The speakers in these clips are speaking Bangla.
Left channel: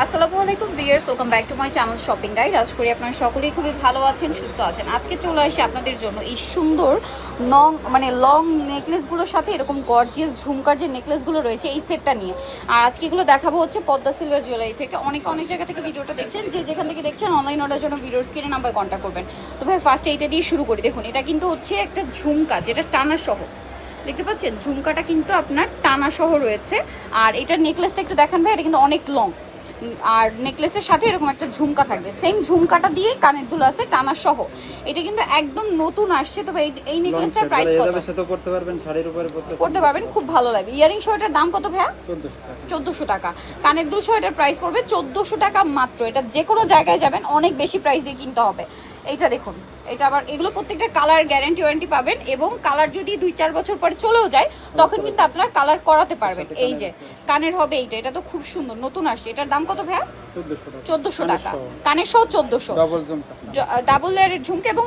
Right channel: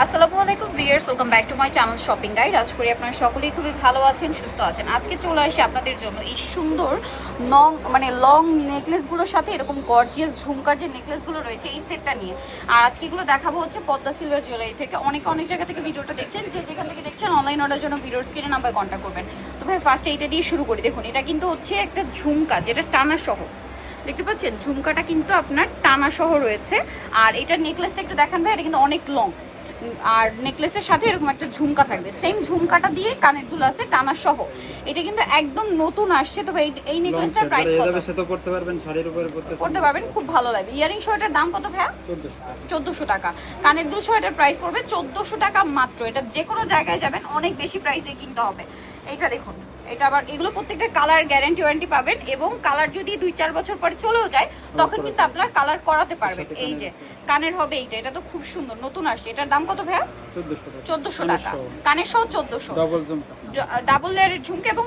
আসসালামু আলাইকুম viewers, welcome back to my channel shopping guide. আশা করি আপনারা সকলেই খুবই ভালো আছেন, সুস্থ আছেন। আজকে চলে আসি আপনাদের জন্য এই সুন্দর লং নেকলেসগুলোর সাথে এরকম গর্জিয়াস ঝুমকার যে নেকলেসগুলো রয়েছে এই সেটটা নিয়ে। আর আজকে এগুলো দেখাবো হচ্ছে পদ্মা সিলভার জুয়েলারি থেকে। অনেক জায়গা থেকে ভিডিওটা দেখছেন, যে যেখান থেকে দেখছেন অনলাইন অর্ডারের জন্য ভিডিওর স্ক্রিনে নাম্বার কন্ট্যাক্ট করবেন। তো ভাই ফার্স্টে এইটা দিয়ে শুরু করি। দেখুন, এটা কিন্তু হচ্ছে একটা ঝুমকা, যেটা টানা সহ, দেখতে পাচ্ছেন ঝুমকাটা কিন্তু আপনার টানা সহ রয়েছে। আর এটার নেকলেসটা একটু দেখান ভাই, এটা কিন্তু অনেক লং, আর নেকলেসের সাথে এরকম একটা ঝুমকা থাকবে। সেম ঝুমকাটা দিয়ে কানের দুল আছে টানা সহ। এটা কিন্তু একদম নতুন আসছে। তবে এই নেকলেসটার প্রাইস কত? এভাবে সেট করতে পারবেন, শাড়ির উপরে করতে পারবেন, খুব ভালো লাগবে। ইয়ারিং সহ এটার দাম কত ভাইয়া? 1400 টাকা। কানের দুল সহ এটার প্রাইস পড়বে 1400 টাকা মাত্র। এটা যে কোনো জায়গায় যাবেন অনেক বেশি প্রাইস দিয়ে কিনতে হবে। এইটা দেখুন, এটা আবার এগুলো প্রত্যেকটা কালার গ্যারান্টি ওয়ারেন্টি পাবেন, এবং কালার যদি 2-4 বছর পরে চলেও যায় তখন কিন্তু আপনারা কালার করাতে পারবেন। এই যে কানের হবে এইটা, এটা তো খুব সুন্দর, নতুন আসছে। এটার দাম কত ভাইয়া? 1400 টাকা। কানের সহ 1400, ডাবল লেয়ারের ঝুমকা এবং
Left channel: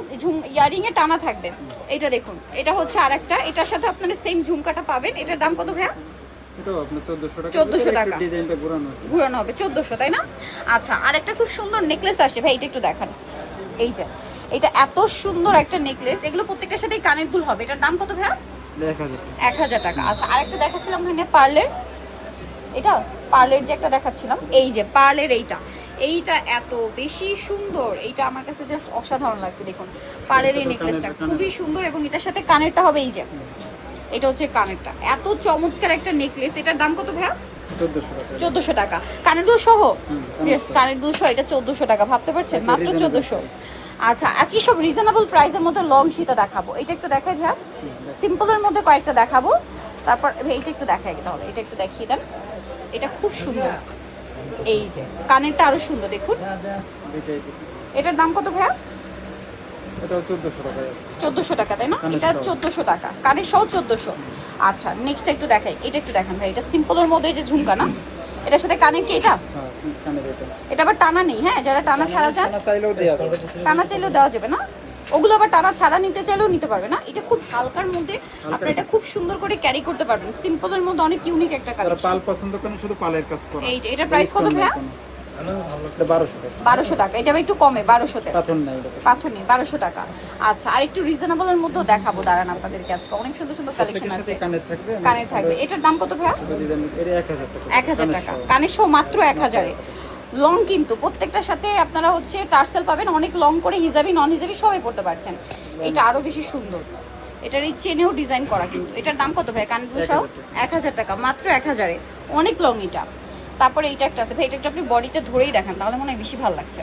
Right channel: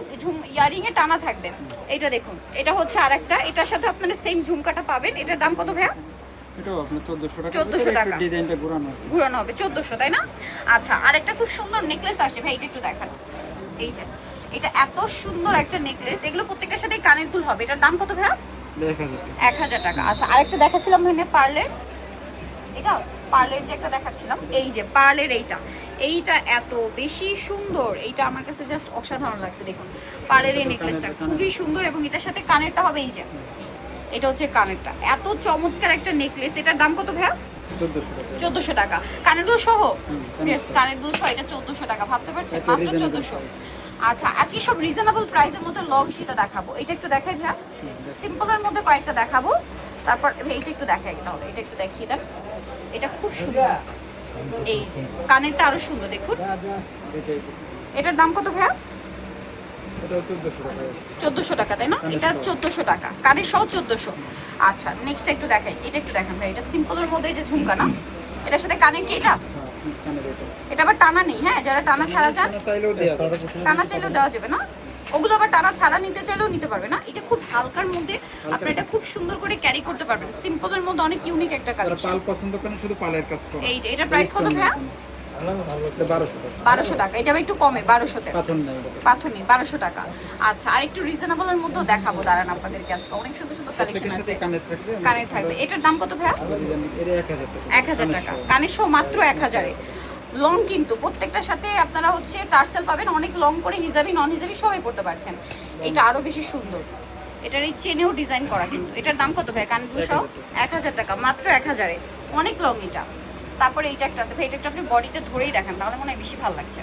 ইয়ারিং এ টানা থাকবে। এইটা দেখুন, এটা হচ্ছে আরেকটা, এটার সাথে আপনারা সেম ঝুমকাটা পাবেন। এটার দাম কত ভাইয়া? এটাও আপনি 1400 টাকা। 1400 টাকা। ডিজাইনটা ঘুরানো হবে 1400, তাই না? আচ্ছা, আরেকটা খুব সুন্দর নেকলেস আসছে ভাই, এটা একটু দেখান। এই যে এটা এত সুন্দর একটা নেকলেস, এগুলো প্রত্যেকটার সাথেই কানের দুল হবে। এটার দাম কত ভাইয়া? 1000 টাকা। আচ্ছা, আরেকটা দেখাচ্ছিলাম মানে পার্লের, এটা পার্লের যে একটা দেখাচ্ছিলাম, এই যে পার্লের এইটা এত বেশি সুন্দর। এইটা আমার কাছে জাস্ট অসাধারণ লাগছে। দেখুন পার্লের এই নেকলেসটা খুবই সুন্দর, এবং এটার সাথে কানেরটা হবে এই যে, এটা হচ্ছে কানেরটা। এত চমৎকার একটা নেকলেস। এটার দাম কত ভাইয়া? 1400 টাকা। কানের দুল সহ? কানের দুল সহ এটা 1400 টাকা। ভাবতে পারছেন, মাত্র 1400। আচ্ছা, আজকে সব রিজনেবল প্রাইসের মধ্যে লং শীতা দেখাবো। এটা একটু দেখাই ভাইয়া, সিম্পলের মধ্যে কয়েকটা দেখাবো। তারপর এইটা একটু দেখাই, তাহলে এটা একটু দেখিয়ে দেন। এটা খুব সুন্দর, এই যে কানেরটা আরো সুন্দর। দেখুন এটার দাম কত ভাইয়া? 1400 টাকা, তাই না? এটা 1400 টাকা, কানের সহ 1400। আচ্ছা, নেক্সট একটু দেখাই, এটা একটু দেখান ভাই। এটা সিম্পলের মধ্যে এই যে ঝুমকা না, এটার সাথে কানের কি এটা? এটা আবার টানা নেই, হ্যাঁ? যারা টানা ছাড়া চান, টানা চাইলেও দেওয়া যাবে না। ওগুলো আবার টানা ছাড়া নিতে চাইলেও নিতে পারবে না। এটা খুব হালকার মধ্যে, আপনি এটা খুব সুন্দর করে ক্যারি করতে পারবেন। সিম্পলের মধ্যে অনেক ইউনিক একটা কালেকশন। পাল পছন্দ করেন, শুধু পালের কাজ করা। এই যে এটার প্রাইস কত ভাইয়া? 1200 টাকা। এটা একটু কমে, 1200 তে পাথর নেই, 1200 টাকা। আচ্ছা, আর একটু রিজনেবলের মধ্যেও দেখাবো, দাঁড়ান আপনাদেরকে। আজকে অনেক সুন্দর সুন্দর কালেকশন আছে। কানের থাকবে। এটার দাম কত ভাইয়া? 1000 টাকা। কানের সহ মাত্র 1000 এ। লং কিন্তু প্রত্যেকটার সাথে আপনারা হচ্ছে টার্সেল পাবেন, অনেক লং করে, হিজাবি নন হিজাবি সবাই পড়তে পারছেন। এটা আরো বেশি সুন্দর, এটার এই চেনেও ডিজাইন করা। কিন্তু এটার দাম কত ভাই? কানগুলো সহ 1000 টাকা, মাত্র 1000 এ। অনেক লং এটা। তারপরে এইটা একটা আছে ভাই, এটা একটু আপনি বডিতে ধরেই দেখান, তাহলে মনে হয় বেশি ভালো লাগছে।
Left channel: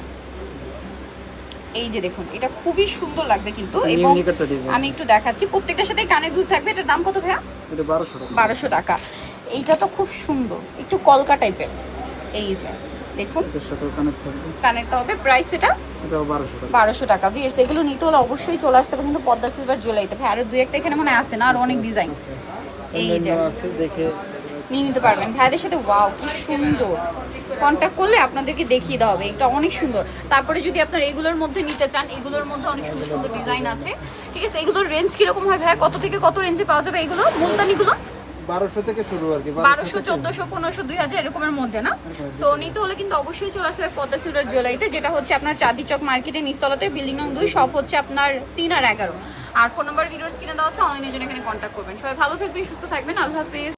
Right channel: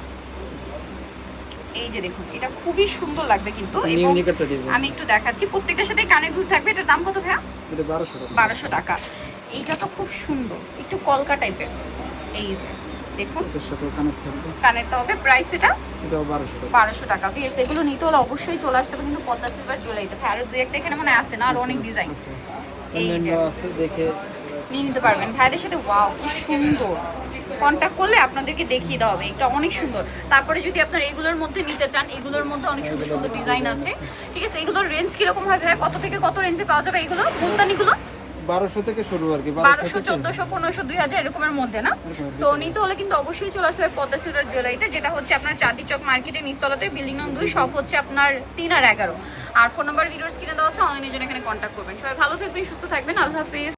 এই যে দেখুন, এটা খুবই সুন্দর লাগবে কিন্তু। এবং আমি একটু দেখাচ্ছি, প্রত্যেকটার সাথে কানের দুল থাকবে। এটার দাম কত ভাইয়া? 1200 টাকা। এইটা তো খুব সুন্দর, একটু কলকা টাইপের। এই যে দেখুন, কানেরটা হবে। প্রাইস এটা 1200 টাকা। ভিউয়ার্স, এগুলো নিতে হলে অবশ্যই চলে আসতে হবে কিন্তু পদ্মা সিলভার জুয়েলারিতে। ভাই আরো 2-1টা এখানে মানে আছে না, আর অনেক ডিজাইন। এই যে দেখে নিয়ে নিতে পারবেন ভাইদের সাথে। ওয়াও, কি সুন্দর! কন্ট্যাক্ট করলে আপনাদেরকে দেখিয়ে দেওয়া হবে। এটা অনেক সুন্দর। তারপরে যদি আপনার এগুলোর মধ্যে নিতে চান, এগুলোর মধ্যে অনেক সুন্দর সুন্দর ডিজাইন আছে। ঠিক আছে, এগুলোর রেঞ্জ কিরকম হয় ভাই? কত থেকে কত রেঞ্জে পাওয়া যাবে এগুলো, মুলতানিগুলো? 1200 থেকে শুরু আর কি, 1200, 1400, 1500, 2000 এরকমের মধ্যে না? সো নিতে হলে কিন্তু অবশ্যই চলে আসতে হবে পদ্মা সিলভার জুয়েলারিতে, যেটা হচ্ছে আপনার চাঁদনী চক মার্কেটের নিচতলাতে, বিল্ডিং নং 2, শপ হচ্ছে আপনার 3 আর 11। আর ফোন নাম্বার ভিডিওর স্ক্রিনে দেওয়া আছে, অনলাইনে জন্য এখানে কন্ট্যাক্ট করবেন। সবাই ভালো থাকবেন, সুস্থ থাকবেন। আল্লাহ হাফেজ।